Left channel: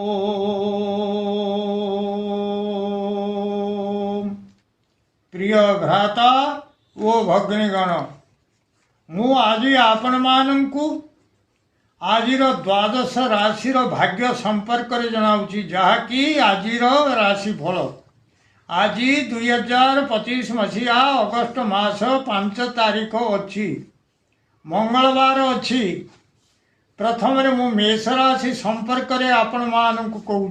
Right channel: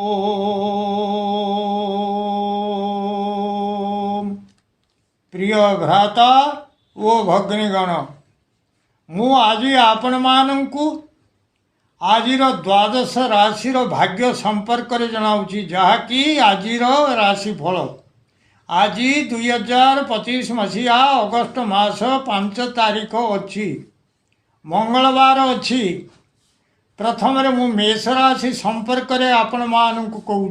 ओम प्रिय भ्राता ओ भगिनीगण मु आज आपण मानू आज द्वादश राशि भाग्य संपर्क जनाऊँगी जहाँकि आज राशिफल आज 2025 मसीहा अगस्ट मास 5 तारीख अच्छी मंगलवार अच्छी प्रथम मु मेष राशि संपर्क रे आपण मानू कहूँ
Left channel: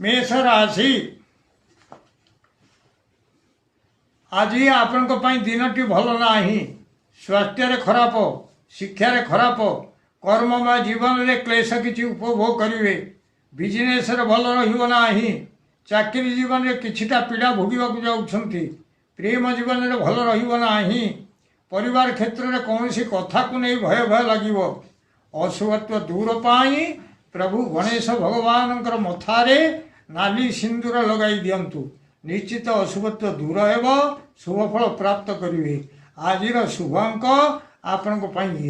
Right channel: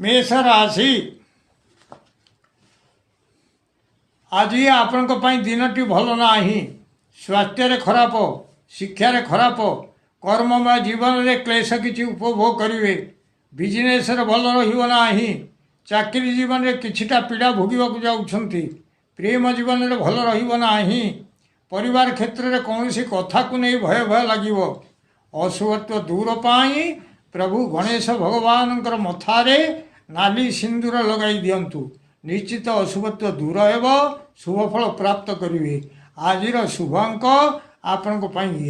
मेष राशि आज आपण दिनटी भल ना स्वास्थ्य खराब शिक्षार खराब कर्ममय जीवन रे क्लेश किसी उपभोग करेंगे बिजनेस भल रहा चाकरी जीवन रे किछिटा पीड़ा भोगवाक जाउछंती प्रेम जीवन रे भल रहा परिवार क्षेत्र में कौन सी कथा को नहीं भय भय लगे अशुभत्व दूर पाई प्रभु गणेश भगवान मथारे नाली सिंदूर लगाई दिंतु निश्चित अशुभत्व दूर हो शुभफल प्राप्त करेंगे आज शुभ अंक आपण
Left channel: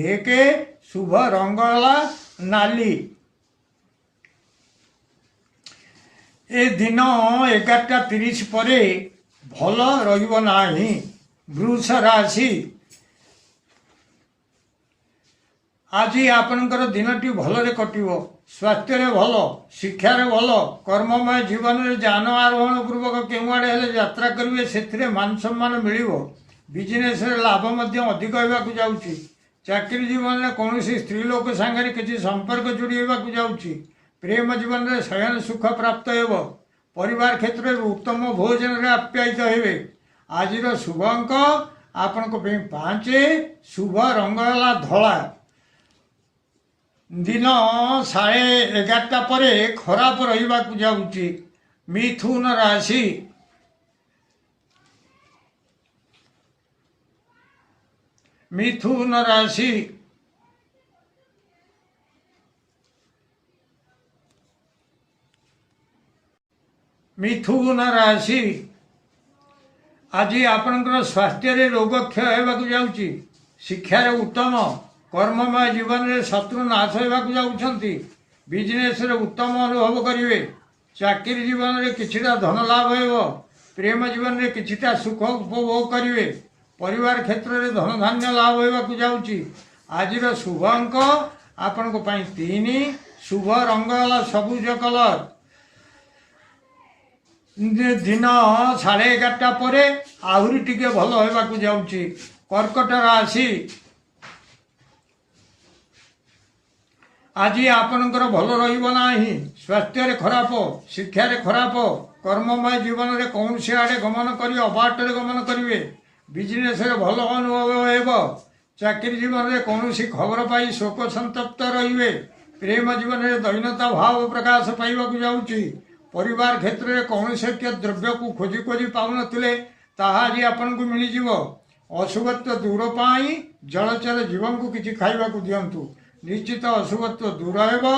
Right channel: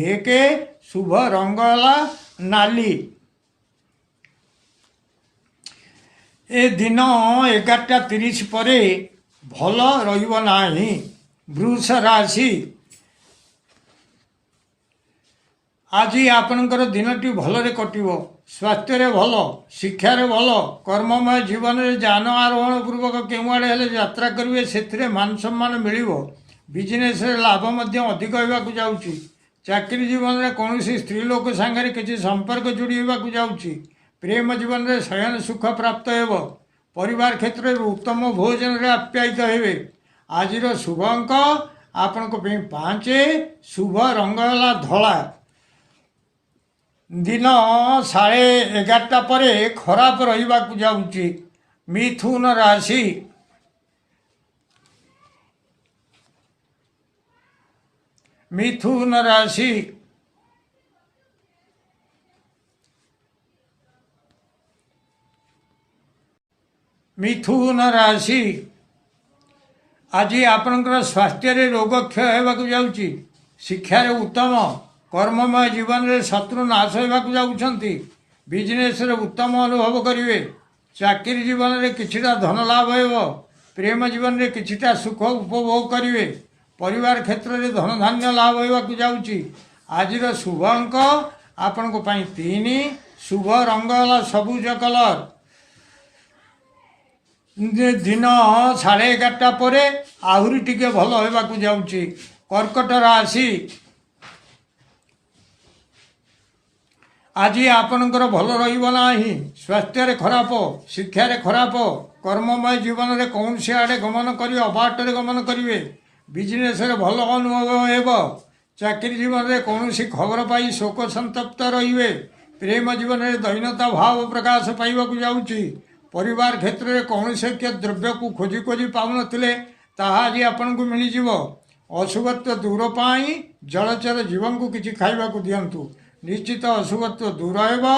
एक शुभ रंग नाली ए दिन 11:30 पर भल रहा वृष राशि आज आपणकर दिनटी भल कटिव स्वास्थ्य भल शिक्षार भल कर्ममय जीवन में जान आरोहण पूर्वक केमुआड़े यात्रा करेंगे से मान सम्मान मिल बिजनेस लाभ अधिक होगा जाऊँगी चाकरी जीवन में कौन स्त्री लोक सांगे किसी संपर्क जोड़ी होगा जाऊँगी प्रेम जीवन में शयन सुख प्राप्त हो परिवार क्षेत्र में उत्तम भोजन रे आप्यायित हेबे आज शुभ अंक आपण 5 शुभ रंग है धला दिन 11:30 पर खराब रहा जाऊँगी मिथुन राशि मिथुन राशि मिथुन राशि आज आपणकर स्वास्थ्य रोग क्षय होगा जाऊँगी शिक्षार उत्तम कर्ममय जीवन में शत्रु नाश होगा जाऊँगी बिजनेस उत्तम अनुभव करेंगे चाकरी जीवन में किछिटा धन लाभ हो प्रेम जीवन में किछिटा सुख उपभोग करेंगे परिवार क्षेत्र में धन धान्य लाभ होगा जाऊँगी आज शुभ अंक आपण 3 शुभ रंग सबुज कलर दिन 11:30 पर आहरी टिके भल होगा जाऊँगी कर्कट राशि आज आपणकर भल रहा स्वास्थ्य खराब शिक्षार खराब कर्ममय जीवन में कौन सी आड़े गमन कर अबाटे गमन करेंगे बिजनेस भल अनुभव हो चाकरी जीवन में कौन सी खबर पाई शोक संतप्त रे प्रेम जीवन में दैन्यता भाव प्रकाश पाइबा जाऊँगी परिवार क्षेत्र में कौन से द्रव्य को खोजी खोजी पाऊन आज आपन को मिल अशुभत्व दूर पाई जलचर जीवन को किसी खाइबा दिंतु निश्चित अशुभत्व दूर हो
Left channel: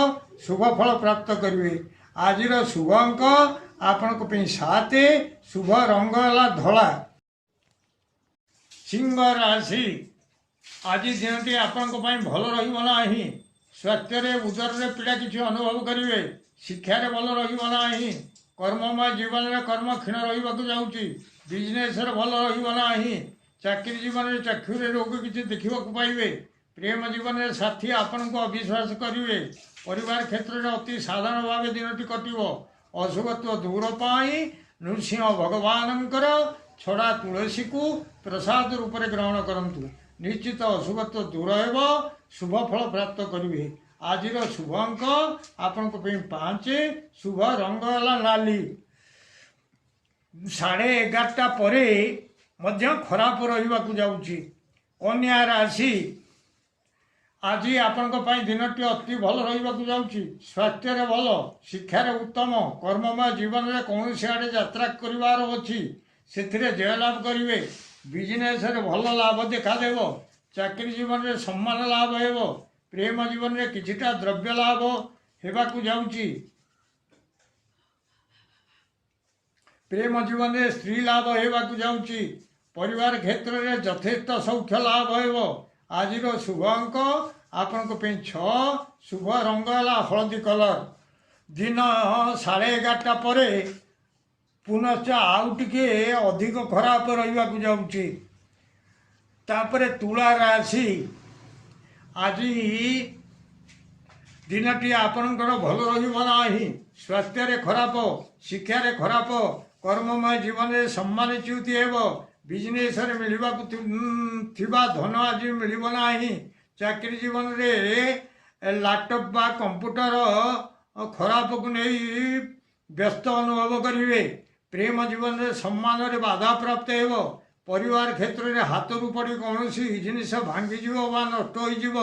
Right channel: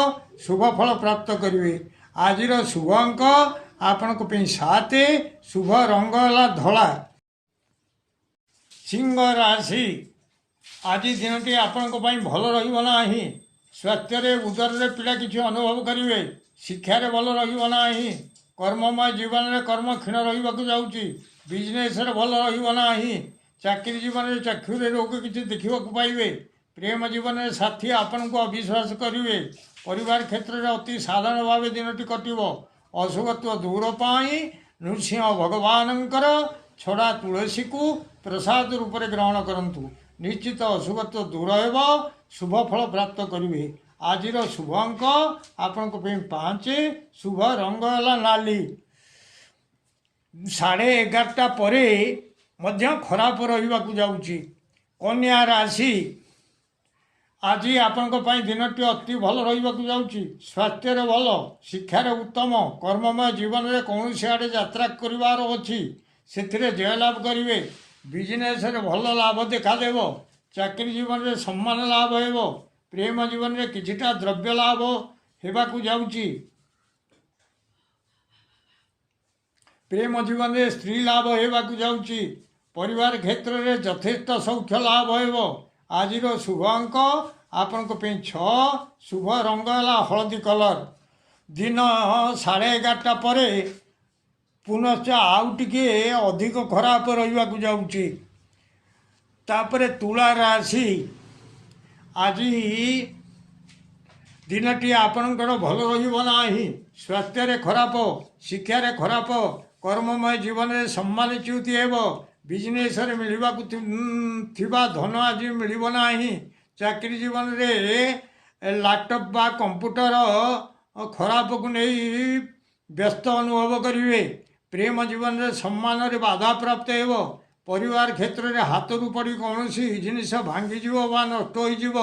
शुभफल प्राप्त करेंगे आज शुभ अंक आपण 7 शुभ रंग है धला सिंह राशि आज दिनटी आपण भल रहा स्वास्थ्य उदर में पीड़ा किसी अनुभव करेंगे शिक्षार भल रहा कर्ममय जीवन में कर्म क्षीण रहा जाऊँगी बिजनेस भल रहा चाकरी जीवन में चाक्षुरी रोग किसी देखा पाइबे प्रेम जीवन में साथी आपण को अविश्वास करेंगे परिवार क्षेत्र में अति साधारण भाव दिनटी कटिव अशुभत्व दूर पाई नृसिंह भगवान छड़ा तुलसी को प्रसाद रूप में ग्रहण करंतु निश्चित अशुभत्व दूर हो शुभफल प्राप्त करेंगे आज शुभ अंक आपण 5 शुभ रंग है नाली 11:30 पर खराब रहा जाऊँगी कन्या राशि आज आपण दिनटी अति भल रहा जाऊँगी स्वास्थ्य भल शिक्षार उत्तम कर्ममय जीवन में कौन सी आड़े यात्रा करार अच्छी से जय लाभ करेंगे बिजनेस भल लाभ देखादेव चाकरी जीवन में सम्मान लाभ हो प्रेम जीवन में किछिटा द्रव्य लाभ होगा जाऊँगी प्रेम जीवन में स्त्री लाभ होगा जाऊँगी परिवार क्षेत्र में यथेष्ट सौख्य लाभ हो आज शुभ अंक आपण 6 शुभ रंग है हलदी कलर दिन 11:30 ପରେ पुनश्च आउ टिके अधिक खराब रहिबा को जाउची। तापरे तुला राशि आज दिनटी आपणकर भल रहिब नाही। स्वास्थ्य रे खराब, शिक्षा रे खराब, कर्ममय जीवन रे सम्मानच्युति हेब, बिजनेस रे मिलिबा को थिबा धन आज मिलिब नाही। चाकरी जीवन रे लैपटॉप बा कंप्यूटर खराब को नहीं व्यस्त अनुभव करिवे। प्रेम जीवन रे सम्मान रे बाधा प्राप्त हेब। परिवार क्षेत्र रे हाथरू पड़ी कौनसी जिनिस भांगी जीव बा नष्ट होई जीव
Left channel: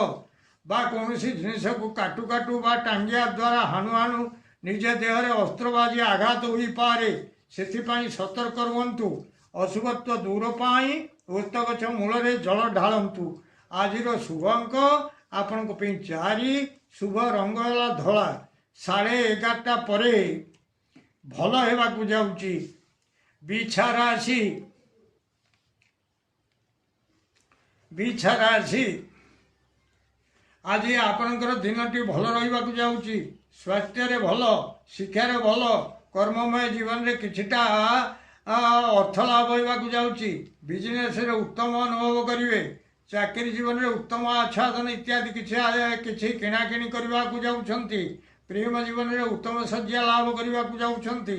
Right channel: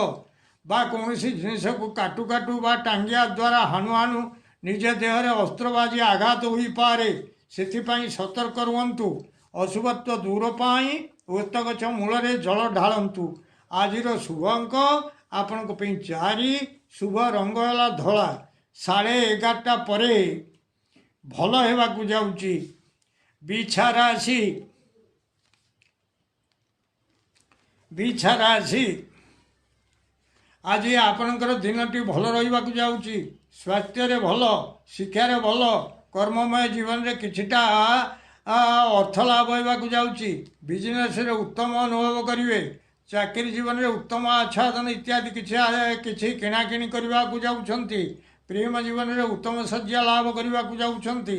बा कौनसी जिनिस को काटू काटू बा टांगिया द्वारा हाणु हाणु निज देह रे अस्त्रबाजी आघात होई पारे। सेथिपाई सतर्क रुहंतु। अशुभत्व दूर पाई ओस्त गछ मूल रे जल ढालंतु। आजिर शुभ अंक आपण को 4, शुभ रंग है धला। 11:30 परे भल हेबाकु जाउची। बिछा राशि आज आपणकर दिनटी भल रहिबाकु जाउची। स्वास्थ्य रे भल, शिक्षा रे भल, कर्ममय जीवन रे किछिटा अर्थ लाभ होइबाकु जाउची। बिजनेस रे उत्तम अनुभव करिवे। चाकरी जीवन रे उत्तम आच्छादन इत्यादि किछि किणाकिणी करबाकु जाउछंती। प्रेम जीवन रे उत्तम सज्जा लाभ करबाकु जाउछंती।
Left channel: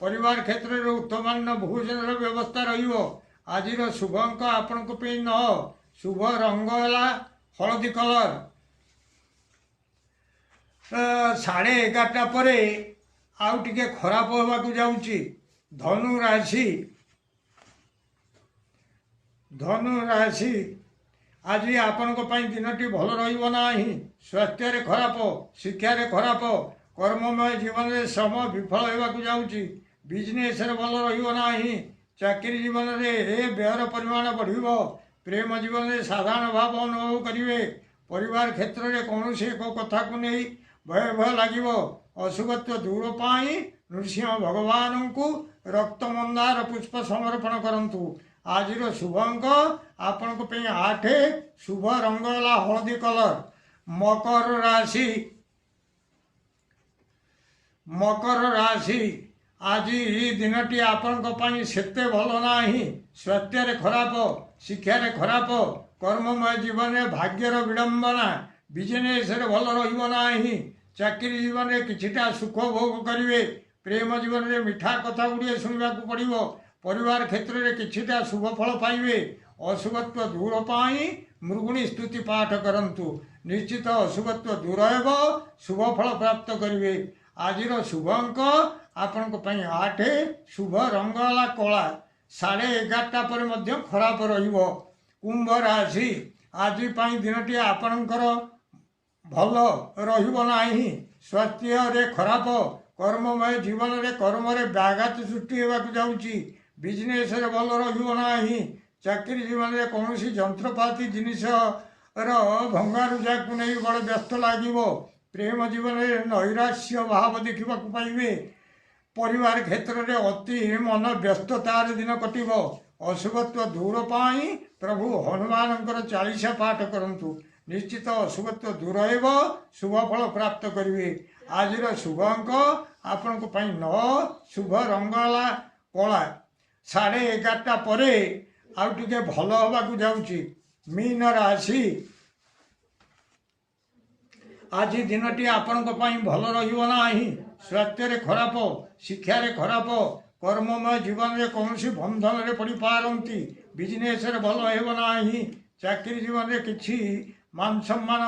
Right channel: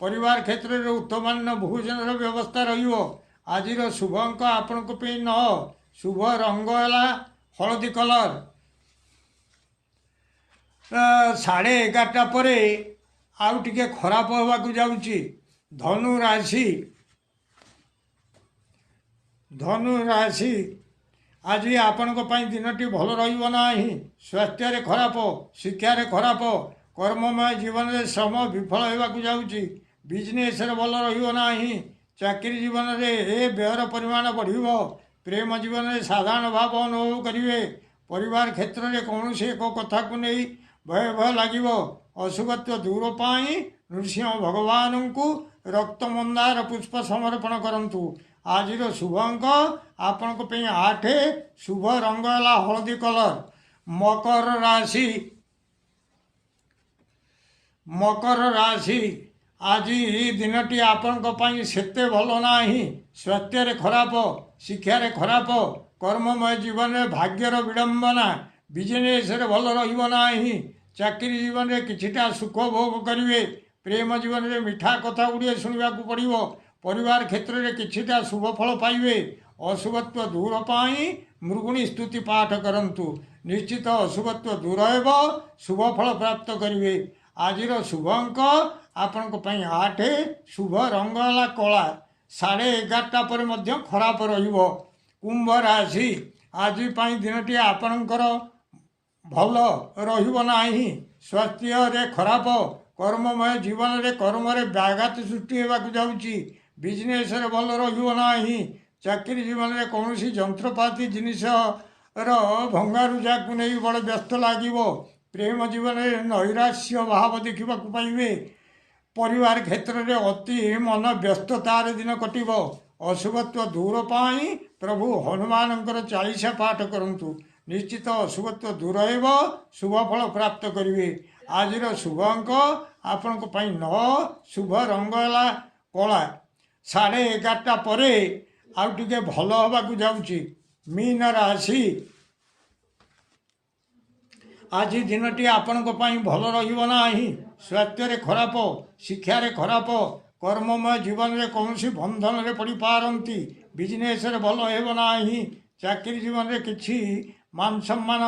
परिवार क्षेत्र रे उत्तमान्न भोजन रे व्यवस्था रहिबो। आजिर शुभ अंक आपनको पे 9, शुभ रंग है हलदी कलर। 11:30 परे आउ टिके खराब होबाकु जाउची। धनु राशि आज आपणको पाई दिनटी भल रहिबो नाही। स्वास्थ्य रे खराब, शिक्षा रे खराब, कर्ममय जीवन रे श्रम विफल हेबाकु जाउची। बिजनेस रे भल रहिबो नाही। चाकरी जीवन रे व्ययर परिमाण बढ़िबो। प्रेम जीवन रे साधारण भाव अनुभव करिवे। परिवार क्षेत्र रे कौनसी एक कथा को नहीं भय भय लागिबो। अशुभत्व दूर पाई नृसिंह भगवान को रक्त मंदार पुष्प समर्पण करंतु। आजिर शुभ अंक आपण को 8, शुभ रंग है हलदी कलर। मकर राशि आज दिनटी आपण सेते भल नाही। स्वास्थ्य रे खराब, शिक्षा रे खराब, कर्ममय जीवन रे भाग्यर विडंबना, बिजनेस रे भल रहिबो नाही। चाकरी जीवन रे किछिटा सुख भोग करिवे। प्रेम जीवन रे मिठा कथा गुड़िए शुणवाकू पड़िबो। परिवार क्षेत्र रे किछिटा शुभ फल पाइबे। अशुभत्व दूर पाई मृगुणी स्तुति पाठ करंतु। निश्चित अशुभत्व दूर हेब, शुभ फल प्राप्त करिवे। आजिर शुभ अंक आपण को 8, शुभ रंग है कला। 11:30 पर मध्य खराब रहिबो। कुंभ राशि आज दिनटी आपणकर भल रहिबो नाही। स्वास्थ्य रे खराब, कर्ममय जीवन रे कर्म रे व्याघात सृष्टि हेबाकु जाउची। बिजनेस रे भल रहिबो नाही। चाकरी जीवन रे कौनसी जंत्रपाति जिनिस भंगारुजा को नहीं बड़ व्यस्त लागिबो। प्रेम जीवन रे नैराश्य भाव देखिबाकु पाइबे। परिवार क्षेत्र रे अति मन व्यस्ततार दिन कटिबो। अशुभत्व दूर पाई प्रभु हनुमानंकर 40 पाठ करंतु। निश्चित अशुभत्व दूर हेब, शुभ फल प्राप्त करिवे। आजिर शुभ अंक आपण को 9, शुभ रंग है कला। 11:30 परे आउ टिके भल होबाकु जाउची। मीन राशि आज दिनटी आपण को पाई भल रहिबो नाही। स्वास्थ्य रे खराब, शिक्षा रे खराब, कर्ममय जीवन रे कौनसी बंधन रे पड़ी पारंती। बिजनेस रे भल हेबो नाही। चाकरी जीवन रे किछि मान सम्मान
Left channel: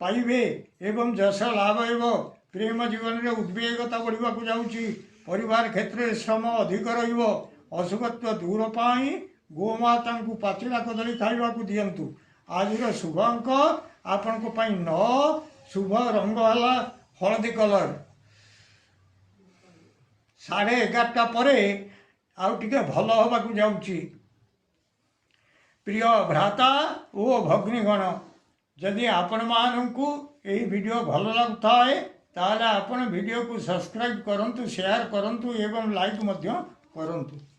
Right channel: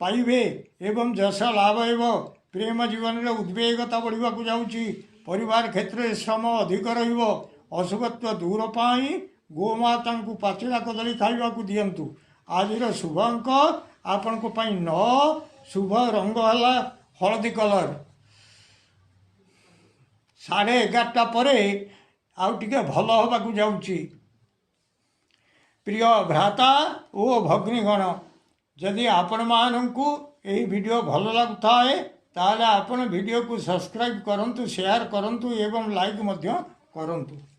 पाइबे एवं जश लाभ हेबो। प्रेम जीवन रे उद्वेगता बढ़िबाकु जाउची। परिवार क्षेत्र रे श्रम अधिक रहिबो। अशुभत्व दूर पाई गोमाता को पाचिला कदली खाइबाकू दियंतु। आजिर शुभ अंक आपण को 9, शुभ रंग है हलदी कलर। 11:30 परे आउ टिके भल होबाकू जाउची। प्रिय भ्राता ओ भग्नीगण, जदि आपण मानकू एही वीडियो भल लागुथाए ताले आपण वीडियो को सब्सक्राइब करंतु, शेयर करंतु एवं लाइक मध्य करंतु।